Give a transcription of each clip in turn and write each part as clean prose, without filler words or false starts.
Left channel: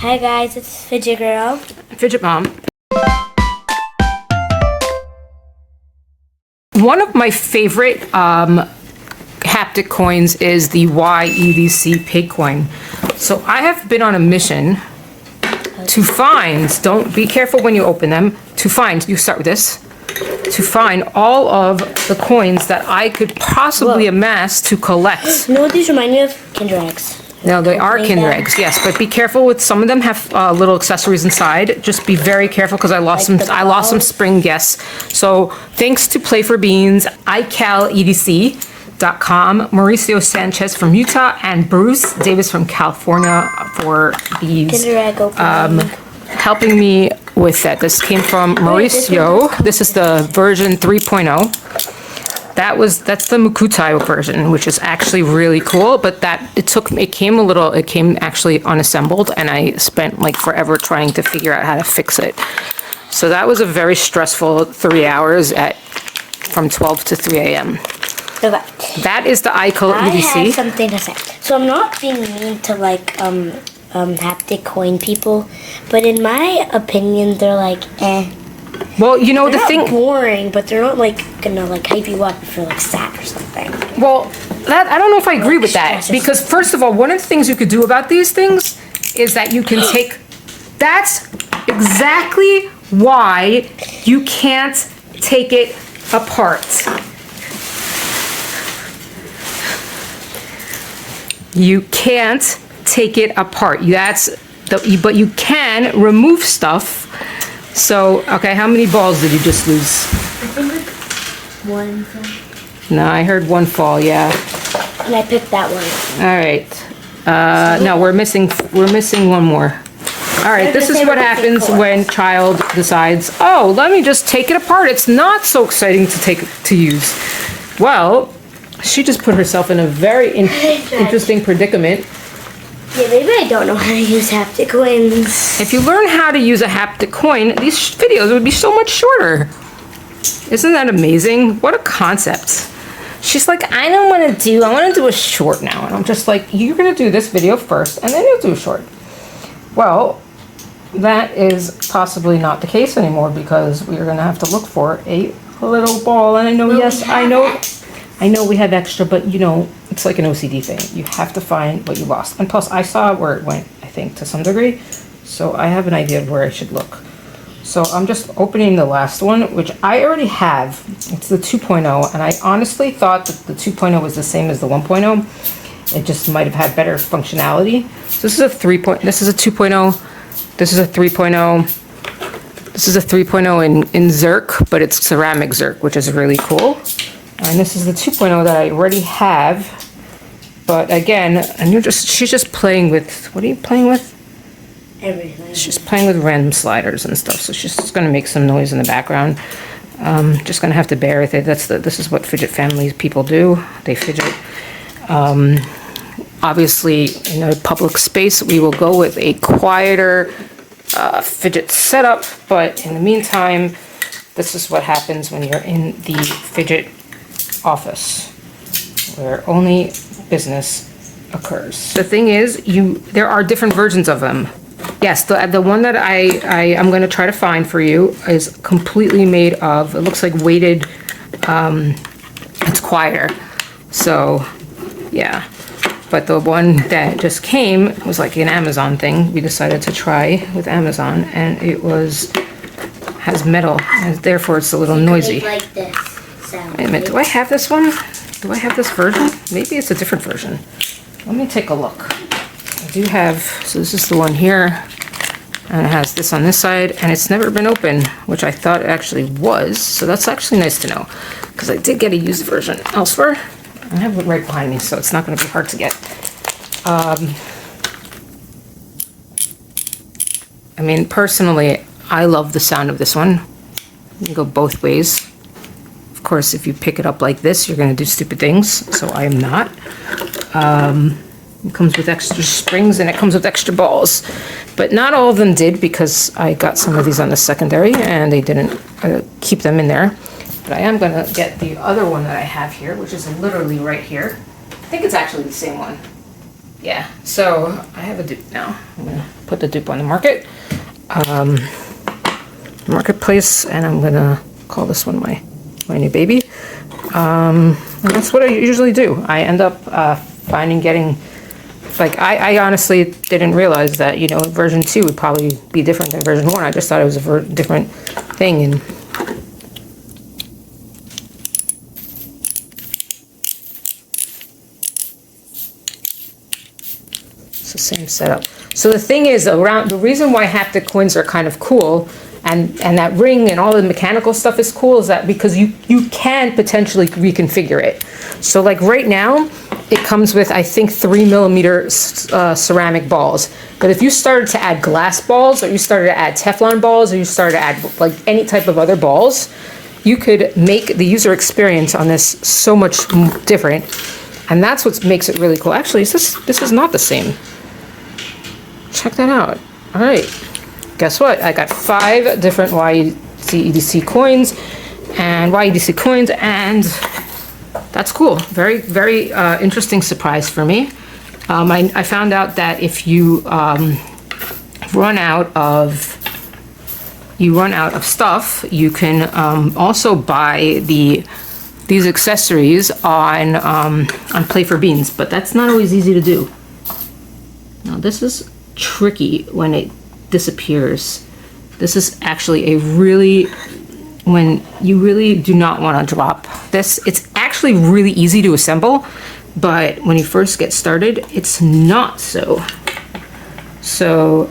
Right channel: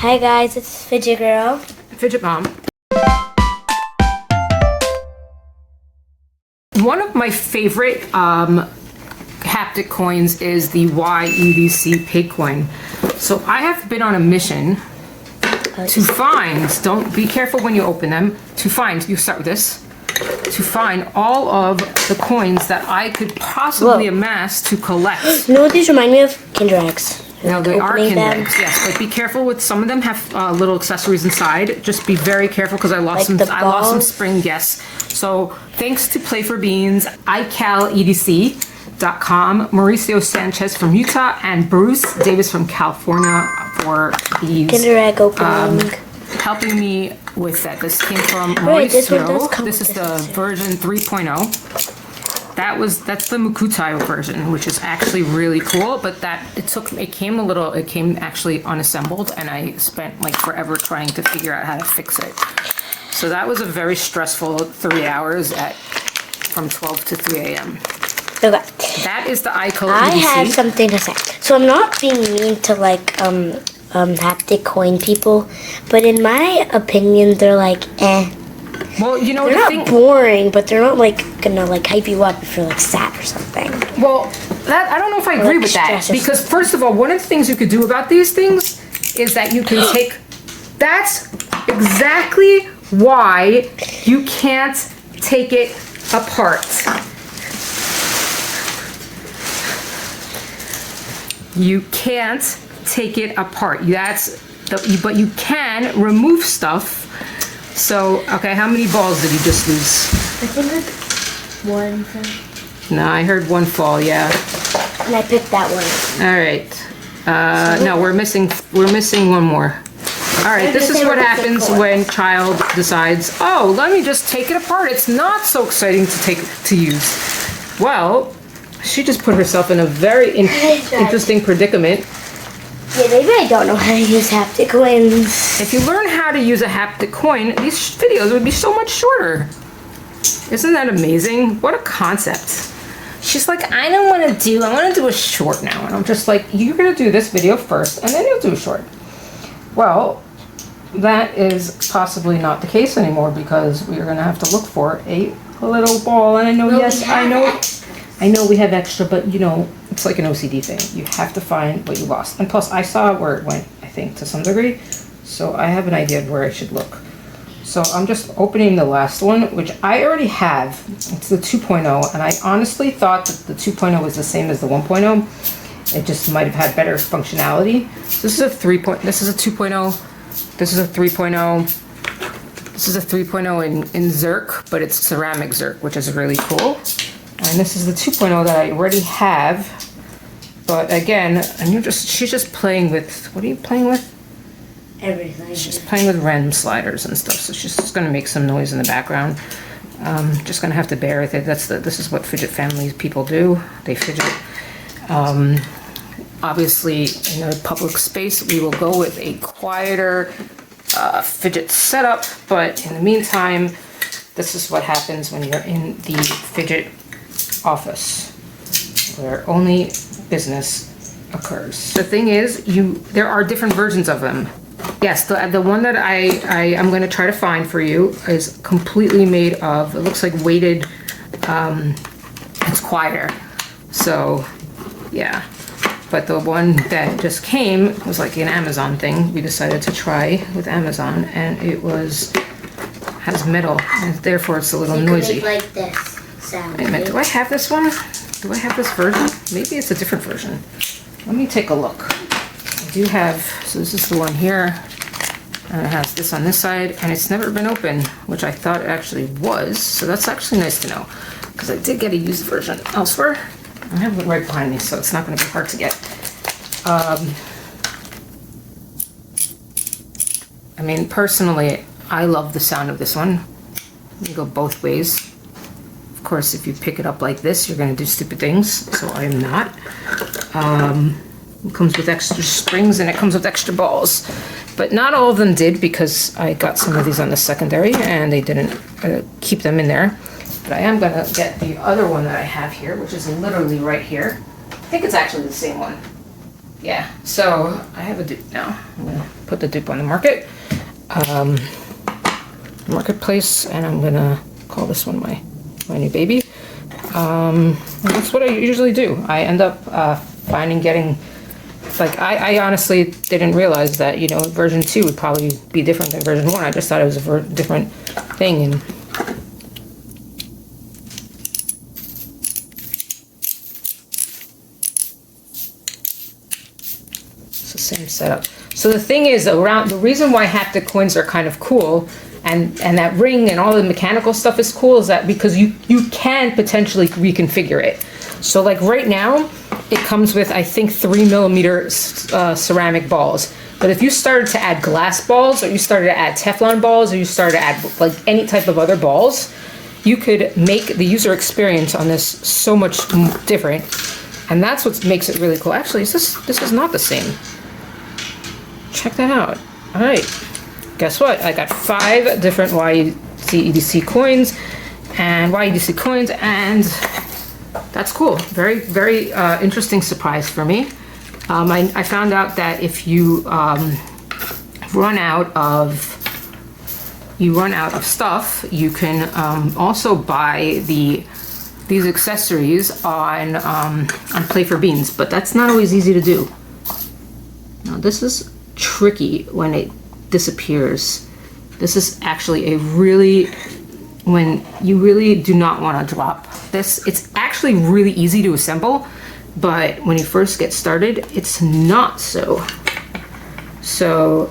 Hi guys, it's Fidget Girl. Fidget Mom. One of my favorite haptic coins is the YEDC Pigcoin. So I have been on a mission to find, don't be careful when you open them, to find, you start with this, to find all of the coins that I could possibly amass to collect. You know what these remind me of? Kinder Eggs. Now they are Kinder Eggs, yes, but be careful with some of them have little accessories inside. Just be very careful because I lost some spring guests. So thanks to Play for Beans, iCalEDC.com, Mauricio Sanchez from Utah, and Bruce Davis from California for these Kinder Egg opening. Helping me with that. This came from Mauricio. This is the version 3.0. That's the Mukutai version, which is actually really cool, but it came actually unassembled, and I spent like forever trying to figure out how to fix it. So that was a very stressful 3 hours from 12 to 3 a.m. Okay. That is the iCal EDC. I have something to say. So I'm not being mean to like haptic coin people, but in my opinion, they're like eh. Well, you know, they're not boring, but they're not like gonna like hype you up if you're like sad or something. Well, I don't know if I agree with that, because first of all, one of the things you could do about these things is that you can take. That's exactly why you can't take it apart. You can't take it apart. But you can remove stuff. So, okay, how many balls did you just lose? I think like one. No, I heard one fall, yeah. And I picked that one. All right. No, we're missing one more. All right, this is what happens when child decides, oh, let me just take it apart. It's not so exciting to use. Well, she just put herself in a very interesting predicament. Yeah, maybe I don't know how to use haptic coins. If you learn how to use a haptic coin, these videos would be so much shorter. Isn't that amazing? What a concept. She's like, I want to do a short now. And I'm just like, you're going to do this video first, and then you'll do a short. Well, that is possibly not the case anymore, because we're going to have to look for a little ball. And I know, I know we have extra, but you know, it's like an OCD thing. You have to find what you lost. And plus, I saw where it went, I think, to some degree. So I have an idea of where I should look. So I'm just opening the last one, which I already have. It's the 2.0, and I honestly thought that the 2.0 was the same as the 1.0. It just might have had better functionality. So this is a 3.0. This is a 2.0. This is a 3.0. This is a 3.0 in Zerk, but it's ceramic Zerk, which is really cool. And this is the 2.0 that I already have. But again, and she's just playing with, what are you playing with? Everything. She's playing with random sliders and stuff, so she's just gonna make some noise in the background. Just gonna have to bear with it. This is what Fidget family people do. They fidget. Obviously, in a public space, we will go with a quieter fidget setup, but in the meantime, this is what happens when you're in the fidget office, where only business occurs. The thing is, there are different versions of them. Yes, the one that I am going to try to find for you is completely made of, it looks like weighted, it's quieter. So, yeah. But the one that just came was like an Amazon thing. We decided to try with Amazon, and it has metal, and therefore it's a little noisy. Like this. Wait a minute, do I have this one? Do I have this version? Maybe it's a different version. Let me take a look. I do have, so this is the one here, and it has this on this side, and it's never been opened, which I thought it actually was, so that's actually nice to know, because I did get a used version elsewhere. I have it right behind me, so it's not going to be hard to get. I mean, personally, I love the sound of this one. You go both ways. Of course, if you pick it up like this, you're going to do stupid things, so I am not. It comes with extra springs and it comes with extra balls. But not all of them did, because I got some of these on the secondary and they didn't keep them in there. But I am going to get the other one that I have here, which is literally right here. I think it's actually the same one. Yeah, so I have a dupe now. I'm gonna put the dupe on the market. Marketplace, and I'm gonna call this one my new baby. And that's what I usually do. I end up getting, like, I honestly didn't realize that, you know, version 2 would probably be different than version 1. I just thought it was a different thing. And it's the same setup. So the thing is, the reason why haptic coins are kind of cool, and that ring and all the mechanical stuff is cool, is that because you can potentially reconfigure it. So like right now, it comes with, I think, 3mm ceramic balls. But if you started to add glass balls, or you started to add Teflon balls, or you started to add like any type of other balls, you could make the user experience on this so much different. And that's what makes it really cool. Actually, this is not the same. Check that out. All right. Guess what? I got 5 different YEDC coins, and that's cool. Very, very interesting surprise for me. I found out that if you run out of stuff, you can also buy these accessories on Play for Beans, but that's not always easy to do. Now this is tricky when it disappears. This is actually when you really do not want to drop this. It's actually really easy to assemble, but when you first get started, it's not so. So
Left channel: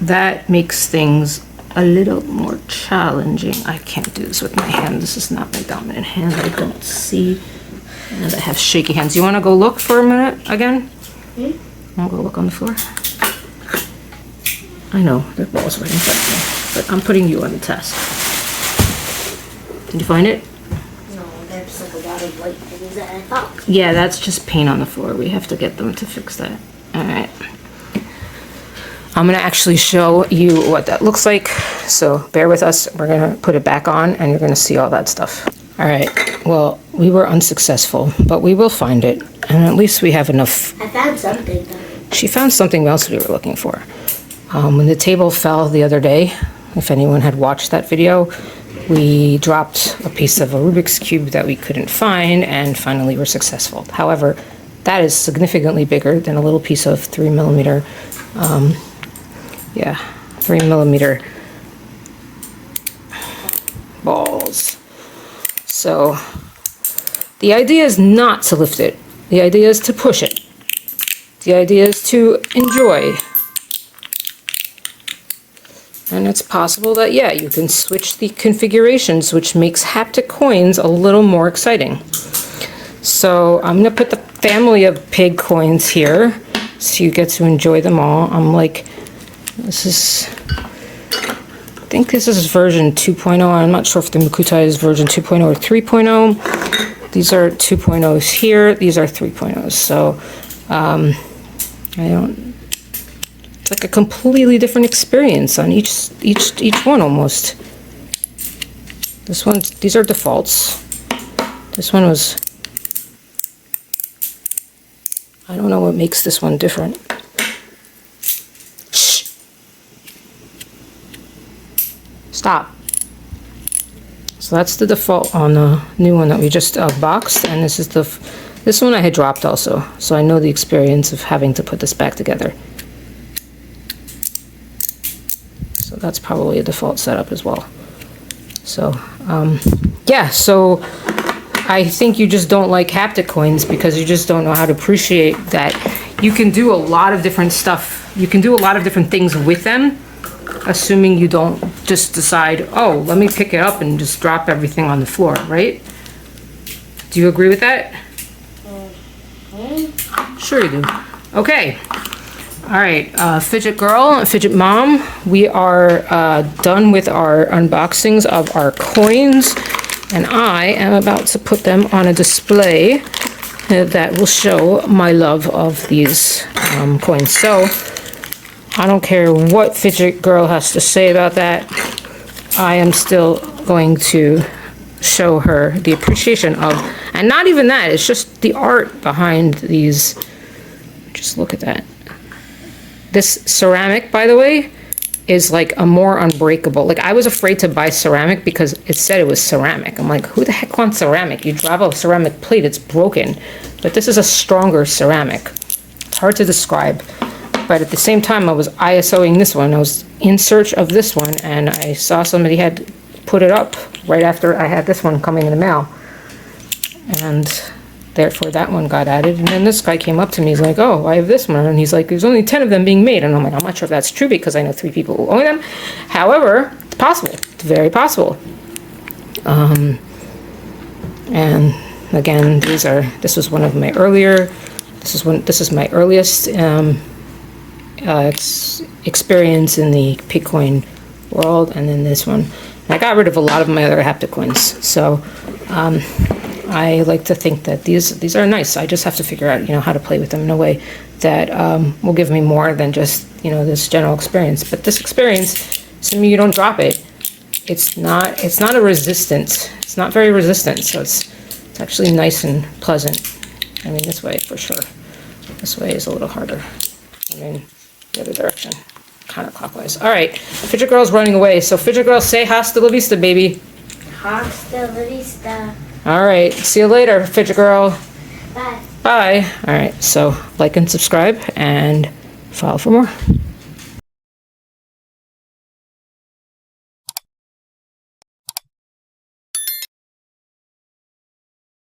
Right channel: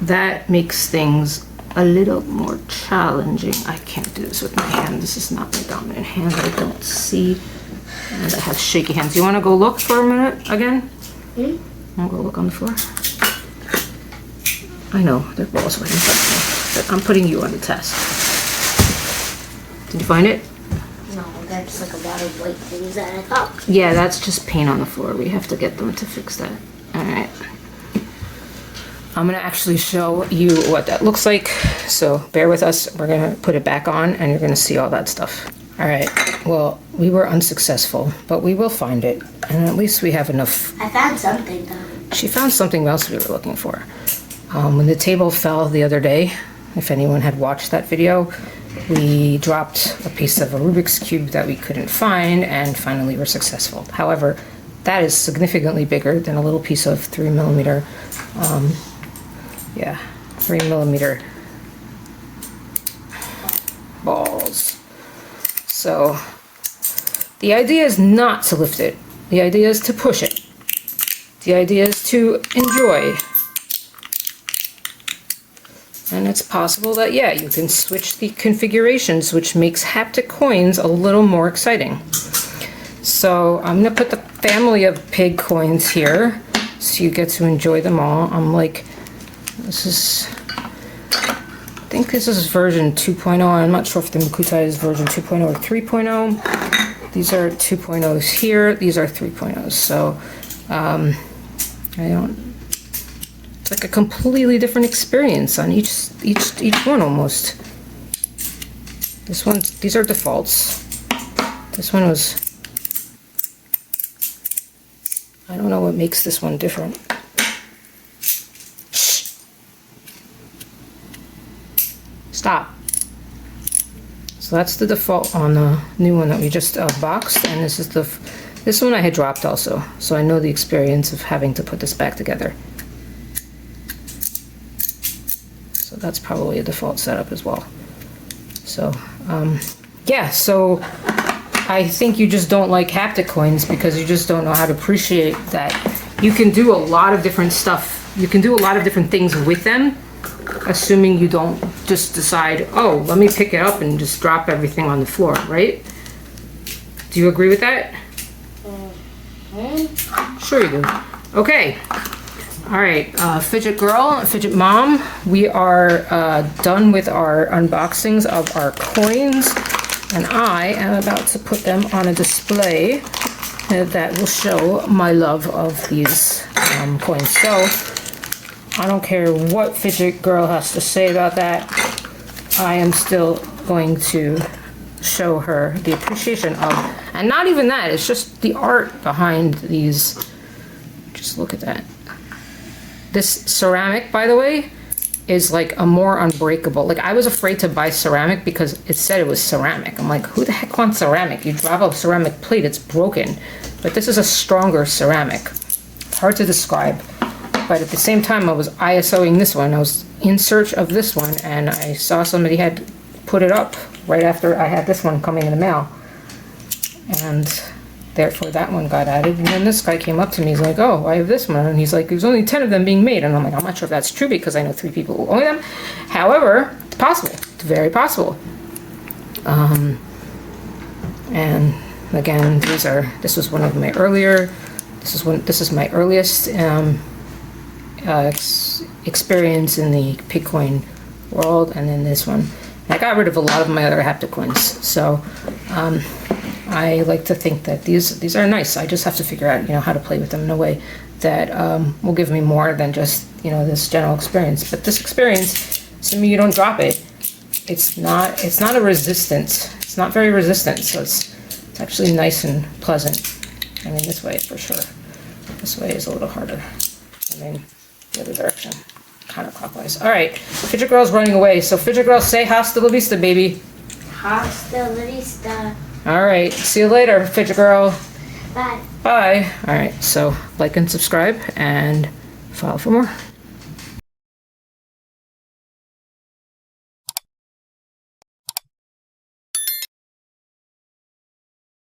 that makes things a little more challenging. I can't do this with my hand. This is not my dominant hand. I don't see, and I have shaky hands. You want to go look for a minute again? I'll go look on the floor. I know, there are balls right in front of me, but I'm putting you on the test. Did you find it? No, that's like a lot of white things that I thought. Yeah, that's just paint on the floor. We have to get them to fix that. All right. I'm gonna actually show you what that looks like. So bear with us. We're gonna put it back on and you're gonna see all that stuff. All right, well, we were unsuccessful, but we will find it. And at least we have enough. I found something though. She found something else we were looking for. When the table fell the other day, if anyone had watched that video, we dropped a piece of a Rubik's Cube that we couldn't find, and finally were successful. However, that is significantly bigger than a little piece of 3mm, 3mm balls. So the idea is not to lift it. The idea is to push it. The idea is to enjoy. And it's possible that, yeah, you can switch the configurations, which makes haptic coins a little more exciting. So I'm going to put the family of pig coins here so you get to enjoy them all. I'm like, I think this is version 2.0. I'm not sure if the Makuta is version 2.0 or 3.0. These are 2.0s here. These are 3.0s. So it's like a completely different experience on each one almost. These are defaults. This one was, I don't know what makes this one different. Shh. Stop. So that's the default on the new one that we just boxed, and this one I had dropped also. So I know the experience of having to put this back together. So that's probably a default setup as well. So yeah, so I think you just don't like haptic coins because you just don't know how to appreciate that you can do a lot of different stuff. You can do a lot of different things with them, assuming you don't just decide, oh, let me pick it up and just drop everything on the floor, right? Do you agree with that? Sure you do. Okay. All right, Fidget Girl, Fidget Mom, we are done with our unboxings of our coins, and I am about to put them on a display that will show my love of these coins. So I don't care what Fidget Girl has to say about that. I am still going to show her the appreciation of, and not even that, it's just the art behind these Just look at that. This ceramic, by the way, is like a more unbreakable. Like, I was afraid to buy ceramic because it said it was ceramic. I'm like, who the heck wants ceramic? You drop a ceramic plate, it's broken. But this is a stronger ceramic. It's hard to describe. But at the same time, I was ISOing this one. I was in search of this one, and I saw somebody had put it up right after I had this one coming in the mail. And therefore, that one got added. And then this guy came up to me. He's like, oh, I have this one. And he's like, there's only 10 of them being made. And I'm like, I'm not sure if that's true because I know 3 people who own them. However, it's possible. It's very possible. And again, this was one of my earlier, this is my earliest experience in the Pigcoin world, and then this one. And I got rid of a lot of my other haptic coins, so I like to think that these are nice. I just have to figure out, how to play with them in a way that will give me more than just, this general experience. But this experience, assuming you don't drop it, it's not a resistance. It's not very resistant, so it's actually nice and pleasant. I mean, this way for sure. This way is a little harder. I mean, the other direction, counterclockwise. All right, Fidget Girl's running away. So Fidget Girl, say hasta la vista, baby. Hasta la vista. All right, see you later, Fidget Girl. Bye. Bye. All right, so like and subscribe and follow for more.